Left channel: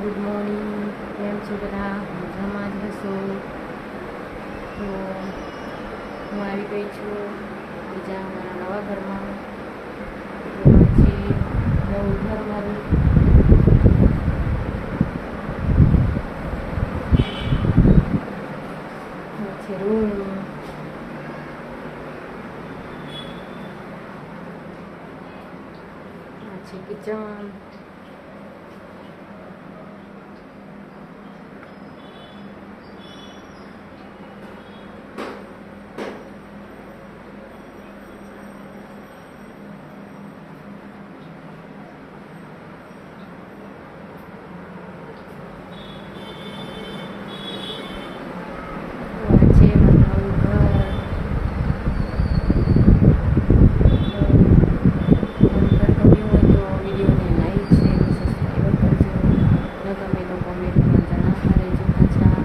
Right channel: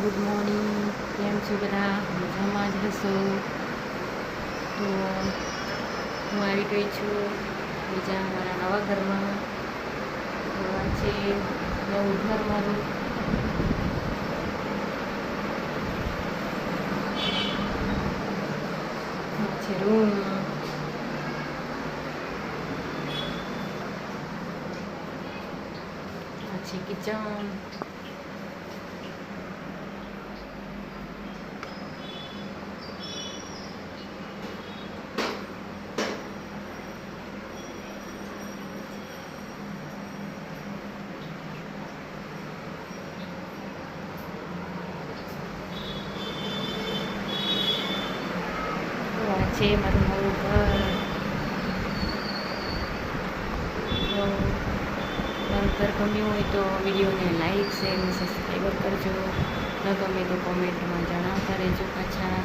Good morning. કેમ છો બધા? મજામાં જ હશો. તો હું આવી ગઈ છું બીજા મારા નવા ઘરમાં. તો આ છે નવું ઘર મારું. આ છે રૂમ. આ છે કિચન. છે મારું નવું ઘર. તો મારું ઘર ગમ્યું હોય તો વિડીયોને લાઈક શેર અને સબસ્ક્રાઈબર કરજો. ન ગમે તો કોમેન્ટમાં જણાવતા રહેજો પાછા.